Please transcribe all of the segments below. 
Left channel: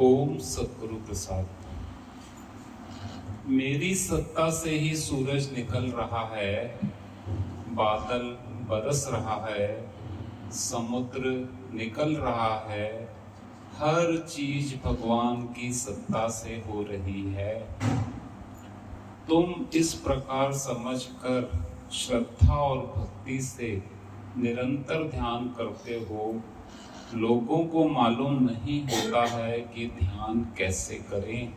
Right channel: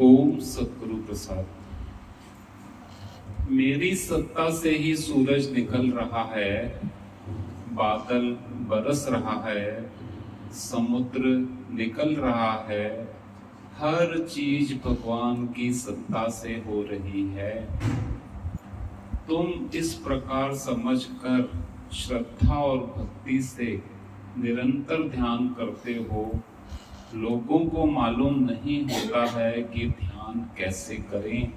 ओम सतगुरु प्रसाद। मेरी सत्ता से ही सूरज निकल रहा है, बादल बरस रहा है, समुद्र निकल रहा है, हर चीज भगवान की सत्ता से हो रही है। तुम इस प्रकार समझकर श्रद्धा और भक्ति से निरंतर ध्यान करते हो। लोगों को मालूम नहीं होता है कि ध्यान कैसे करें।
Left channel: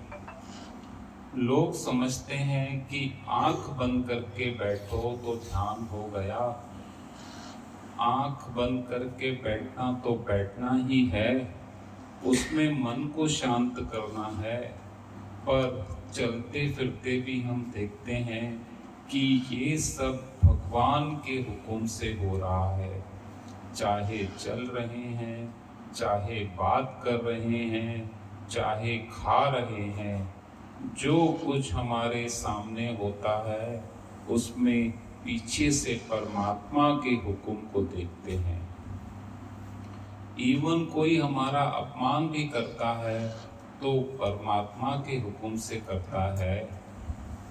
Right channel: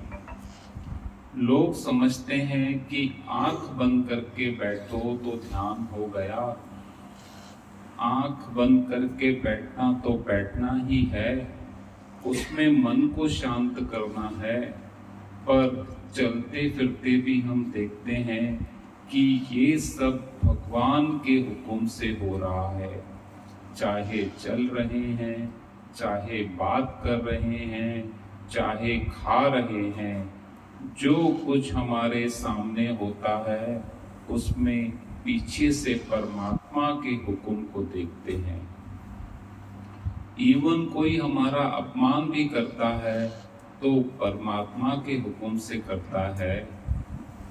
लोग समझते हैं कि आंख बंद करके बैठो तो ध्यान हो गया। आंख बंद करके बैठना तो बैठना ही है, उसमें मन को शांत करना है। पर चलते फिरते भी हम देखते हैं कि ये सब भगवान के हुक्म से हो रहा है। चाहे चल रहे हैं, चाहे बात कर रहे हैं, चाहे खा रहे हैं, जो कुछ हमारे सामने होता है उसमें पीछे से परमात्मा के हुक्म को देखते हैं। इवन कोई हमारा अपमान भी करता है तो परमात्मा के हुक्म से करता है,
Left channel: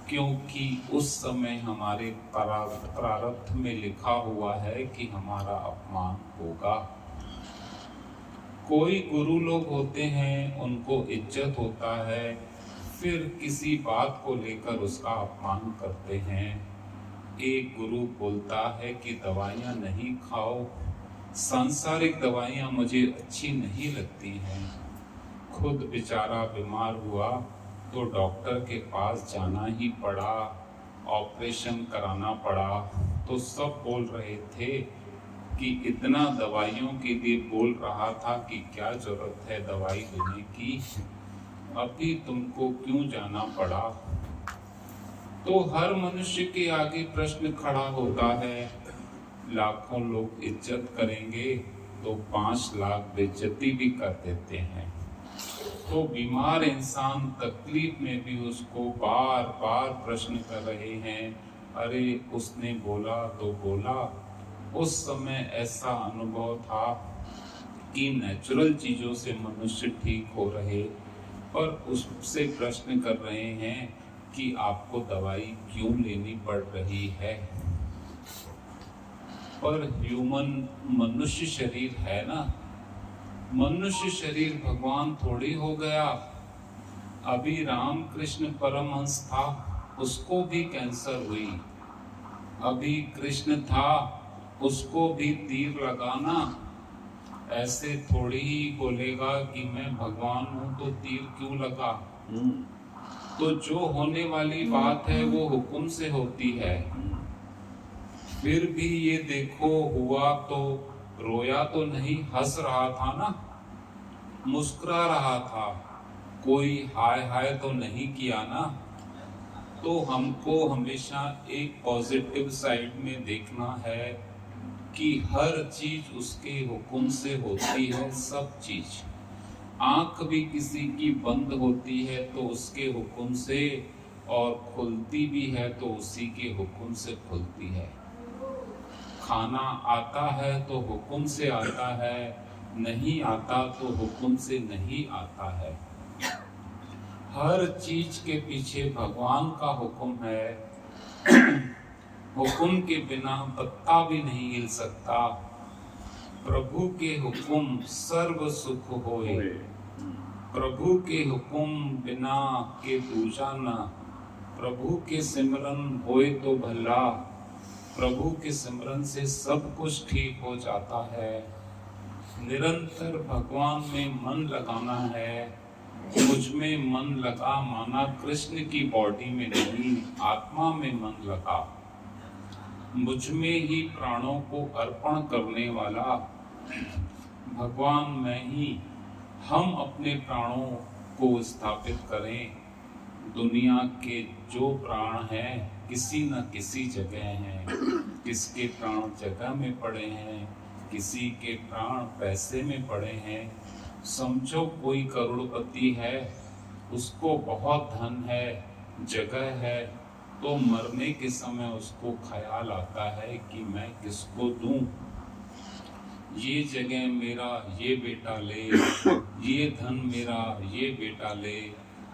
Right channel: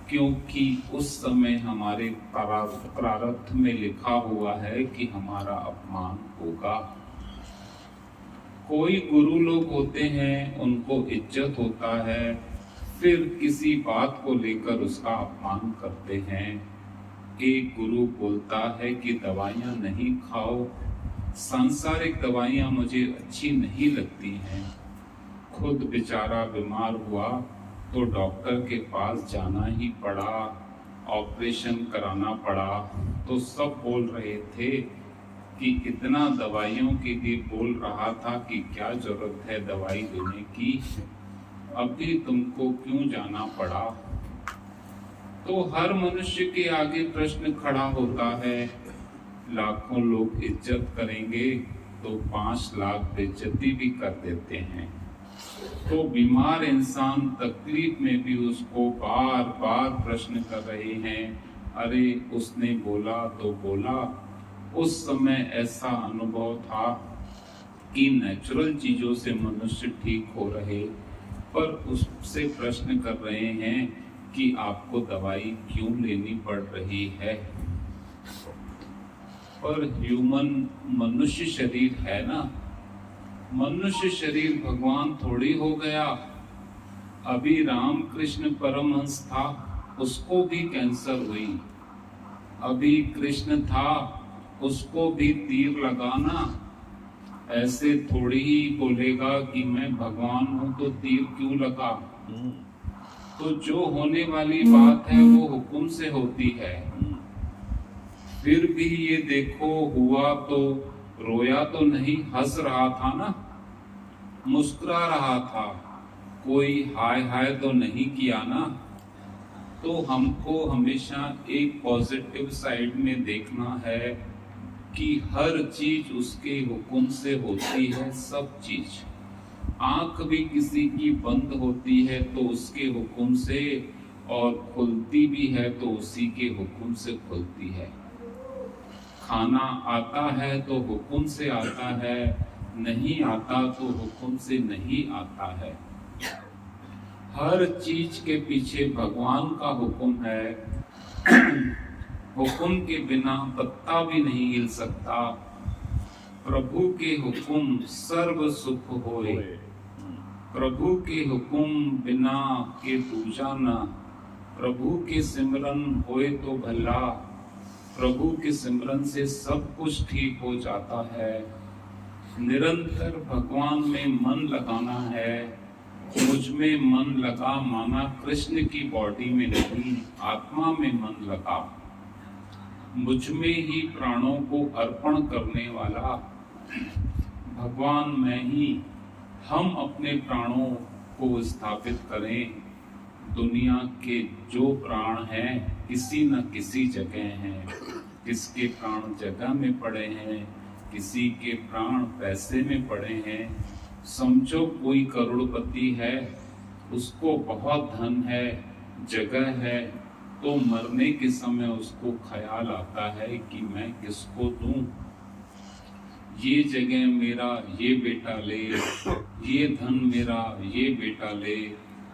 क्योंकि उस समय हमारे प्रारब्ध में लिखा हुआ है कि हमारा अपमान होगा। कोई गुरु लोग होते हैं, उनको इज्जत होता है, फिर किसी बात को लेकर उसका अपमान करते हैं। एक गुरु बोलता है कि दवाइयां नहीं खाओ, सांसारिक दवाइयां मुझे अच्छी नहीं लगती हैं। खुद बेचारा बीमार हुआ तो डॉक्टर के पास जाना ही पड़ा, ऑपरेशन कराना पड़ा। तो सब बोल रहे थे कि इतना दवाइयों के लिए बोल रहा था कि क्या जरूरत है दवाई लेने की, अभी तुमको क्यों जाना पड़ा। तो हर मनुष्य के आगे प्रश्न खड़ा होता है। लाखों लोग इज्जत करेंगे तो 5 लाख बेइज्जती भी कर देते हैं। तो बीमार इंसान तकलीफ में भी उसको बार बार प्रश्न कर रहे हैं, अरे उसने बोला तो बोला। उस समय ऐसा अनुभव था कि नेचुरल चीजों से मनुष्य ठीक हो रहे, पर उससे प्रश्न कर रहे हैं कि आपको दवाई क्यों लेनी पड़ रही है। पर ह्यूमन मनुष्य शरीर है ना, मनुष्य शरीर भगवान थोड़ी हो गया। अभी रामकृष्ण परमहंस था, उसको भी कैंसर हुई। अभी कृष्ण था, उसको भी तीर लगाना। ऐसे थोड़ी ही बोलेगा कि मैं भगवान हूं तो तीर क्यों लगा। तो जो होने वाली बात है वो हुक्म से होती है। फिर भी ये देखो, हुआ तो रोया तो नहीं, हंस रहा था ना, मुस्कुरा रहा था, कोई हाय हाय तो नहीं किया ना। तो हमको हमेशा एक पॉजिटिव साइड में देखना है कि हर चीज उसके हुक्म से होती है। सब चीज, आंख भी किसी की बंद होती है तो उसके हुक्म से, और खुलती भी है तो उसी के हुक्म से खुलती है। खाना आता है तो हुक्म से आता है, नहीं आता तो हुक्म से नहीं आता है। हर चीज के पीछे भगवान का हुक्म है। हुक्म के बिना पत्ता भी नहीं हिल सकता। प्रभु के हुक्म सर्व सुख होए, प्रभु के हुक्म बिना के पूजा न। प्रभु के सिमरन होए तो भला, प्रभु के सिमरन से सब कुछ ठीक हो जाता है। निरंतर भगवान में मन लगाना है। मुझ में मन लगा माना कृष्ण की बॉडी में नहीं, आत्मा में मन लगा। मुझ में ही प्राणों को अर्पण करने वाला भगवान मैं ही। हम अपने प्राणों को स्थापित करें। दुनिया के जो प्राण हैं किसी न किसी जगह हैं। किसके प्राण जगह में पड़े हैं, किसी के प्राण पैसे में पड़े हैं। समझो कोई करोड़पति है, उसको बहुत धन है, जगह है, तो मरने के समय उसको ख्याल आता है कि मैं किसको दूं। ये जगह मेरा ये बेटा ले, ये धन मेरा ये बेटा ले,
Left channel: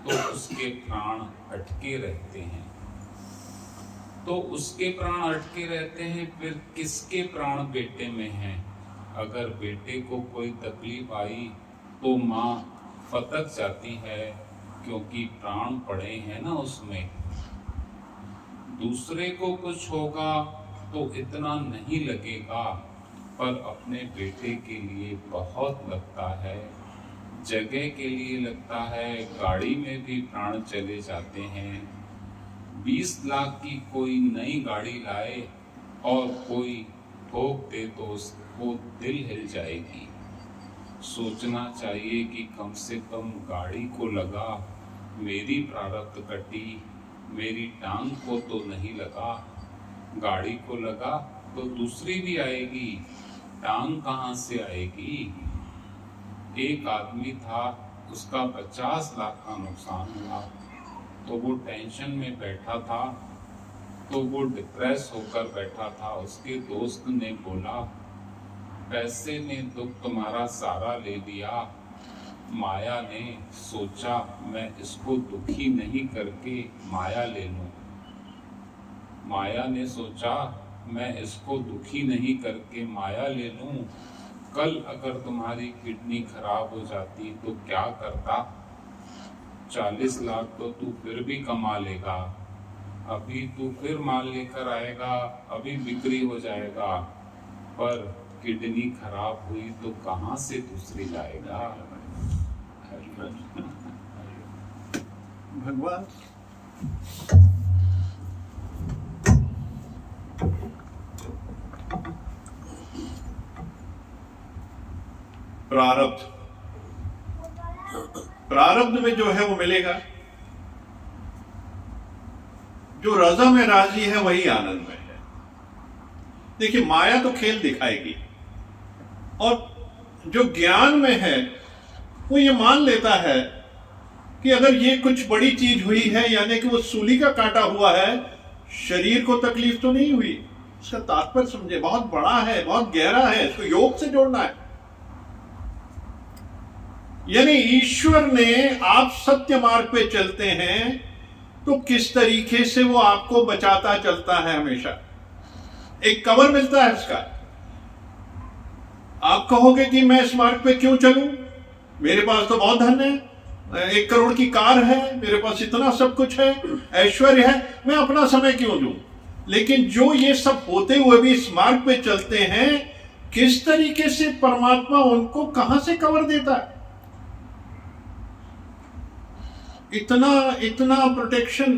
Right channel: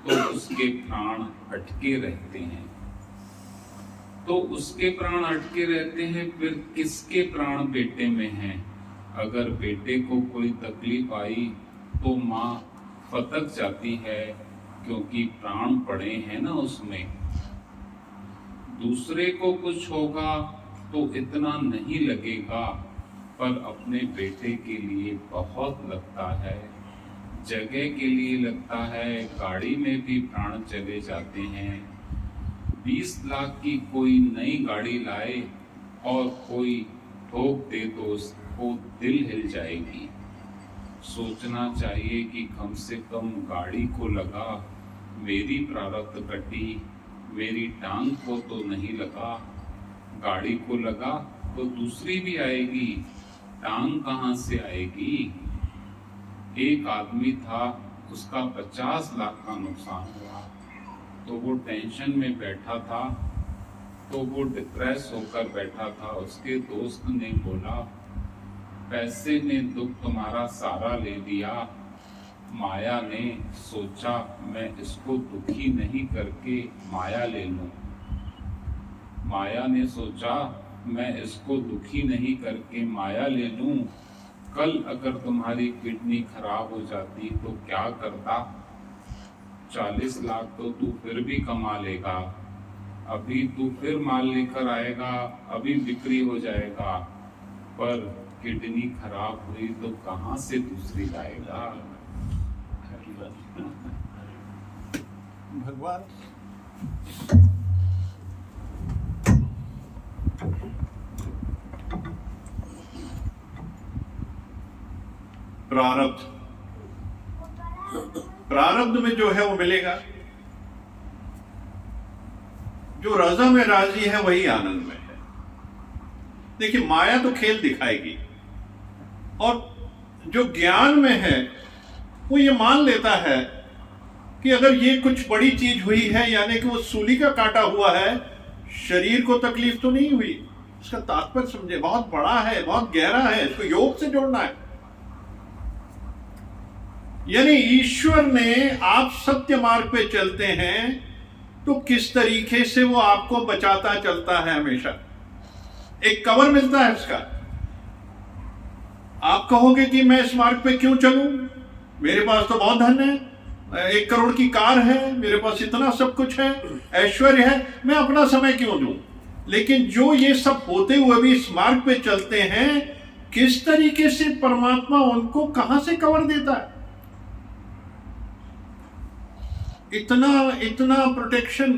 तो उसके प्राण अटके रहते हैं। तो उसके प्राण अटके रहते हैं, फिर किसके प्राण बेटे में हैं? अगर बेटे को कोई तकलीफ आई तो माँ फटक जाती है, क्योंकि प्राण पड़े हैं ना उसमें। दूसरे को कुछ होगा तो इतना नहीं लगेगा, पर अपने बेटे के लिए बहुत लगता है, जगह के लिए लगता है, गाड़ी में भी प्राण चले जाते हैं। 20 लाख की कोई नई गाड़ी लाए और कोई ठोक दे तो उसको दिल हिल जाएगी। सोचना चाहिए कि कम से कम गाड़ी को लगा, मेरी प्रारब्ध कटी, मेरी टांग को तो नहीं लगा। गाड़ी को लगा तो दूसरी भी आएगी, टांग कहाँ से आएगी? एक आदमी था, उसका 50 लाख का नुकसान हुआ, तो वो टेंशन में बैठा था, तो वो डिप्रेस होकर बैठा था। उसके दोस्त ने बोला, पैसे ने दुख तुम्हारा सारा ले लिया। माया ने सोचा, मैं इसको दुखी नहीं करके माया ले लूं। माया ने सोचा, मैं इसको दुखी नहीं करके माया ले लूं। कल अगर तुम्हारी किडनी खराब हो जाती तो क्या करता? 40 लाख तो तू फिर भी कमा लेगा, अभी तू फिर माल लेकर आएगा, अभी बिक्री हो जाएगा, पर किडनी खराब हुई तो कहाँ से दूसरी लाएगा? भगवान प्रारब्ध में जो है वो मिलेगा। जो रज़ा में राजी है वही आनंद में है। देखिए, माया तो खेल दिखाएगी, और जो ज्ञान में है वो ये मान लेता है कि अगर ये कुछ बड़ी चीज हुई है, यानी कि वो सूली का काटा हुआ है, शरीर को तकलीफ तो नहीं हुई। उसका तात्पर्य समझे, बहुत बड़ा है, बहुत गहरा है, इसको योग से जोड़ना है। यानी ईश्वर ने, आप सत्य मार्ग पे चलते हैं तो किस तरीके से वो आपको बचाता चलता है, हमेशा एक कवर मिलता है इसका। आप कहोगे कि मैं इस मार्ग पे क्यों चलूं, मेरे पास तो बहुत धन है, 1 करोड़ की कार है, मेरे पास इतना सब कुछ है, ऐश्वर्य है, मैं अपना समय क्यों दूं? लेकिन जो ये सब होते हुए भी इस मार्ग पे चलते हैं, किस तरीके से परमात्मा उनको कहां से कवर देता है? इतना प्रोटेक्शन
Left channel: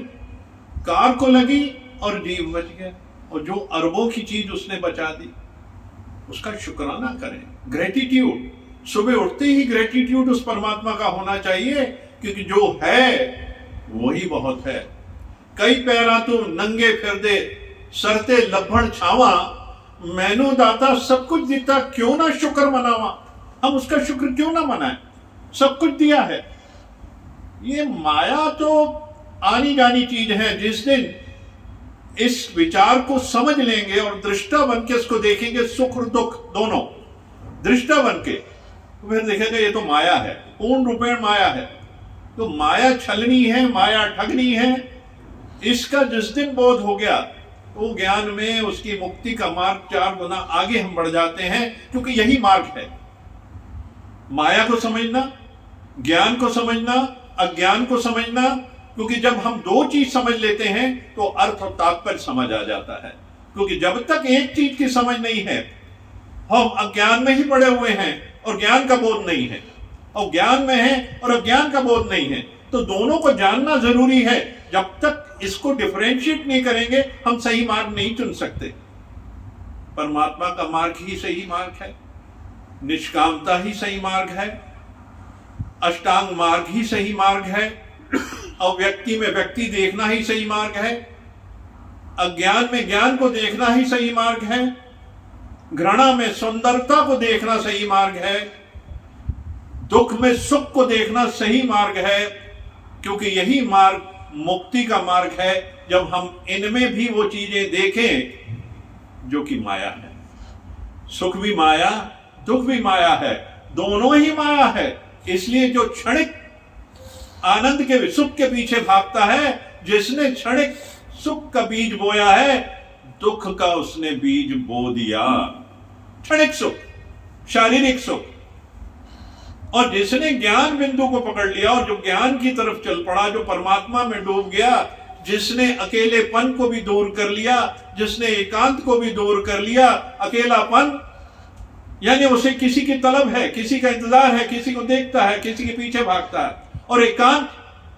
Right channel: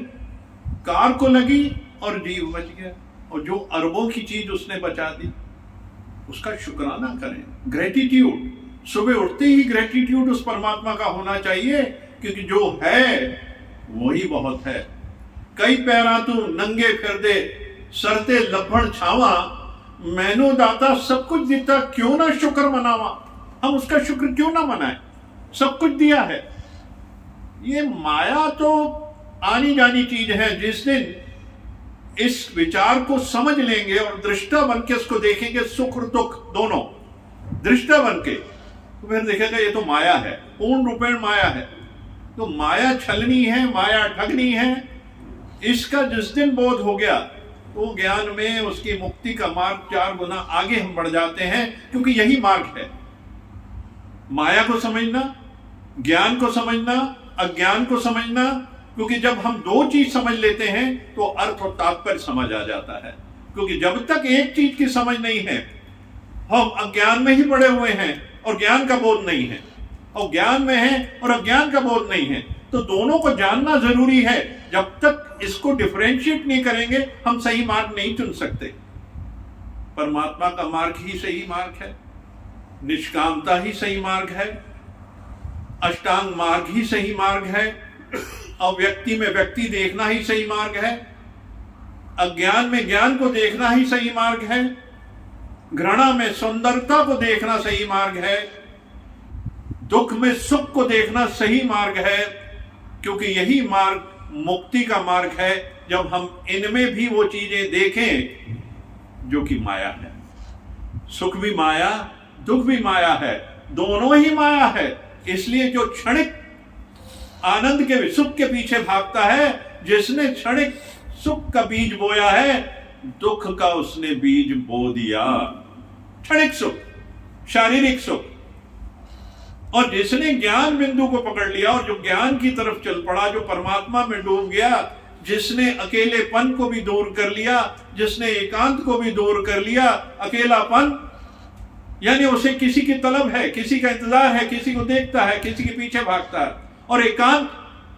कार को लगी और जीव बच गया, और जो अरबों की चीज उसने बचा दी, उसका शुक्राना करें। ग्रेटिट्यूड, सुबह उठते ही ग्रेटिट्यूड उस परमात्मा का होना चाहिए, क्योंकि जो है वही बहुत है। कई पैरा तू नंगे फिर दे, सरते लभण छावा, मैनू दाता सब कुछ देता, क्यों ना शुक्र मनावा। हम उसका शुक्र क्यों ना मनाएं, सब कुछ दिया है। ये माया तो आनी जानी चीज है। जिस दिन इस विचार को समझ लेंगे और दृष्टा बन के इसको देखेंगे, सुख और दुख दोनों दृष्टा बन के, तो फिर देखेगा ये तो माया है, पूर्ण रूपेण माया है। तो माया छलनी है, माया ठगनी है। इसका जिस दिन बोध हो गया तो ज्ञान में उसकी मुक्ति का मार्ग 4 गुना आगे हम बढ़ जाते हैं, क्योंकि यही मार्ग है। माया को समझना, ज्ञान को समझना, अज्ञान को समझना, क्योंकि जब हम 2 चीज समझ लेते हैं तो अर्थ और तात्पर्य समझ आ जाता है। क्योंकि जब तक एक चीज की समझ नहीं है, हम अज्ञान में ही पड़े हुए हैं और ज्ञान का बोध नहीं है, और ज्ञान में है और अज्ञान का बोध नहीं है। तो दोनों को जानना जरूरी है। जब तक इसको डिफरेंशिएट नहीं करेंगे, हम सही मार्ग नहीं चुन सकते। परमात्मा का मार्ग ही सही मार्ग है, निष्कामता ही सही मार्ग है, अष्टांग मार्ग ही सही मार्ग है, और व्यक्ति में व्यक्ति देखना ही सही मार्ग है, अज्ञान में ज्ञान को देखना ही सही मार्ग है, घृणा में सुंदरता को देखना सही मार्ग है, दुख में सुख को देखना सही मार्ग है। क्योंकि यही मार्ग मुक्ति का मार्ग है, जब हम इनमें भी वो चीजें देखें जो कि माया है। सुख भी माया, दुख भी माया है, दोनों ही माया है। इसलिए जो क्षणिक आनंद के सुख के पीछे भागता है, जिसने क्षणिक सुख का बीज बोया है, दुख का उसने बीज बो दिया। क्षणिक सुख, शारीरिक सुख। और जिसने ज्ञान बिंदु को पकड़ लिया और जो ज्ञान की तरफ चल पड़ा, जो परमात्मा में डूब गया, जिसने अकेलेपन को भी दूर कर लिया, जिसने एकांत को भी दूर कर लिया। अकेलापन यानी उसे किसी की तलब है, किसी का इंतजार है, किसी को देखता है, किसी के पीछे भागता है। और एकांत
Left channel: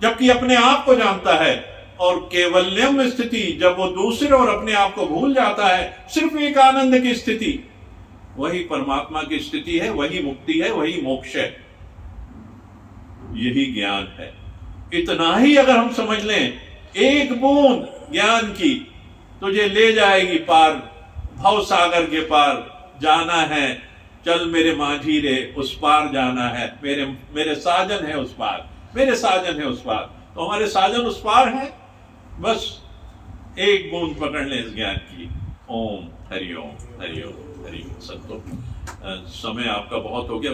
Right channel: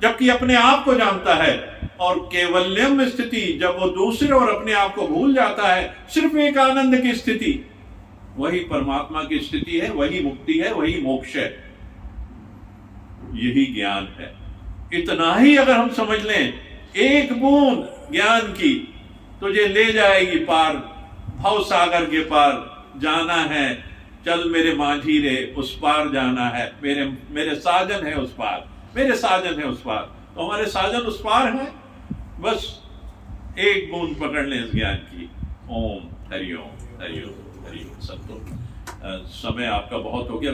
जबकि अपने आप को जानता है। और केवल्यम स्थिति, जब वो दूसरे और अपने आप को भूल जाता है, सिर्फ एक आनंद की स्थिति, वही परमात्मा की स्थिति है, वही मुक्ति है, वही मोक्ष है। यही ज्ञान है। इतना ही अगर हम समझ लें, एक बूंद ज्ञान की तुझे ले जाएगी पार, भव सागर के पार जाना है। चल मेरे माझी रे, उस पार जाना है। मेरे साजन है उस पार, मेरे साजन है उस पार। तो हमारे साजन उस पार हैं। बस एक बूंद पकड़ लें इस ज्ञान की। ओम हरिओम हरिओम हरिओम। संतो समय आपका बहुत हो गया।